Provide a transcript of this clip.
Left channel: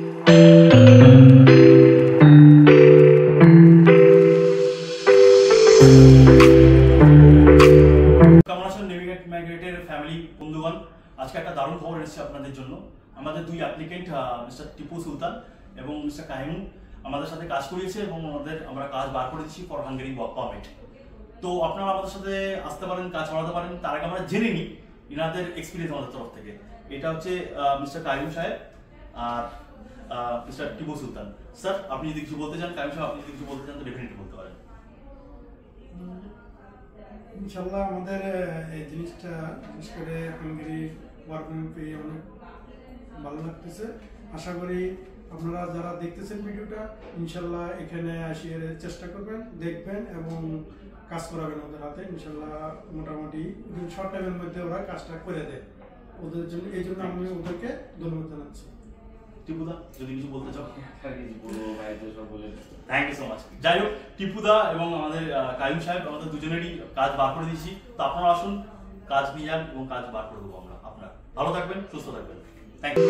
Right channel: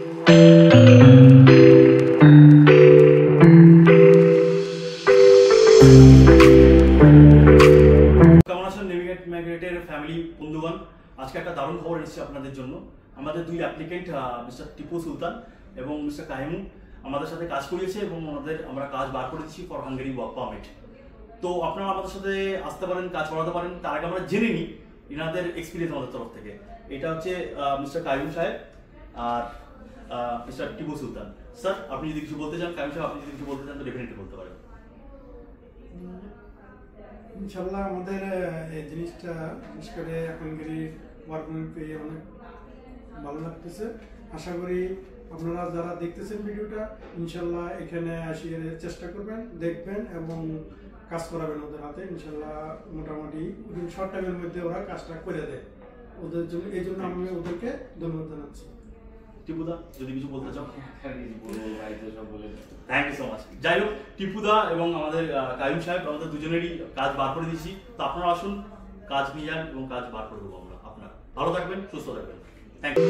কেমন আছেন navigate মাইগ্রেটের family বন্ধুগণ? আজকে একটা দারুণ খবর এসেছে আপনাদের জন্য। আমাদের দুই অ্যাপ্লিকেন্ট মিস্টার টিপু সুলতান এবং মিস্টার কাহিমু আমাদের সাথে কাজ করিয়েছে এবং আমরা কাজ বার করে দিচ্ছি ফর হাঙ্গেরি ওয়ার্ক পারমিট। তো আপনারা আমাদের সাথে আসতে পারেন, কাজ করাতে পারেন। তার আগে আমরা জেনে নিই ইনাদের এক্সপিরিয়েন্স আমাদের তরফ থেকে। এটা হচ্ছে মিস্টার কাহিমু সাহেব আর মিস্টার টিপু সুলতান। স্যার, আপনি যদি কিছু বলতে চান, কাহিমু সাহেব আপনি যদি কিছু বলতে চান তো ডেফিনেটলি বলতে পারেন। ইনশাল্লাহ আমাদের এই জিনিসটা বিশেষ করে হাঙ্গেরি ওয়ার্ক পারমিট পেয়ে অনেক ভালো লাগতেছে। আশা করি আপনারা যারা দেখতেছেন ভিডিওটা ইনশাল্লাহ এখানে আসিয়ে চেষ্টা করবেন, দেখবেন এবং কাজ করাবেন ওদের হাতে। ইনশাল্লাহ মোটামুটি শর্ট টাইমের মধ্যে ওরা কাজটা করে দেয় ওদের জন্য। এই জন্য আমি ওদেরকে ধন্যবাদ জানাচ্ছি। টিপুদা যদি কিছু বলতে চাও। Thank you so much. যাই হোক, টিপুদা এবং আমাদের কাইম সাহেব আমাদের দুজনেরই কাজ বার করে দিচ্ছি। তো আপনারা আসুন, কাজ নিয়ে যান এবং কাজ বার করে দেবো আমরা। আপনারা ভালো থাকবেন, সুস্থ থাকবেন। Thank you.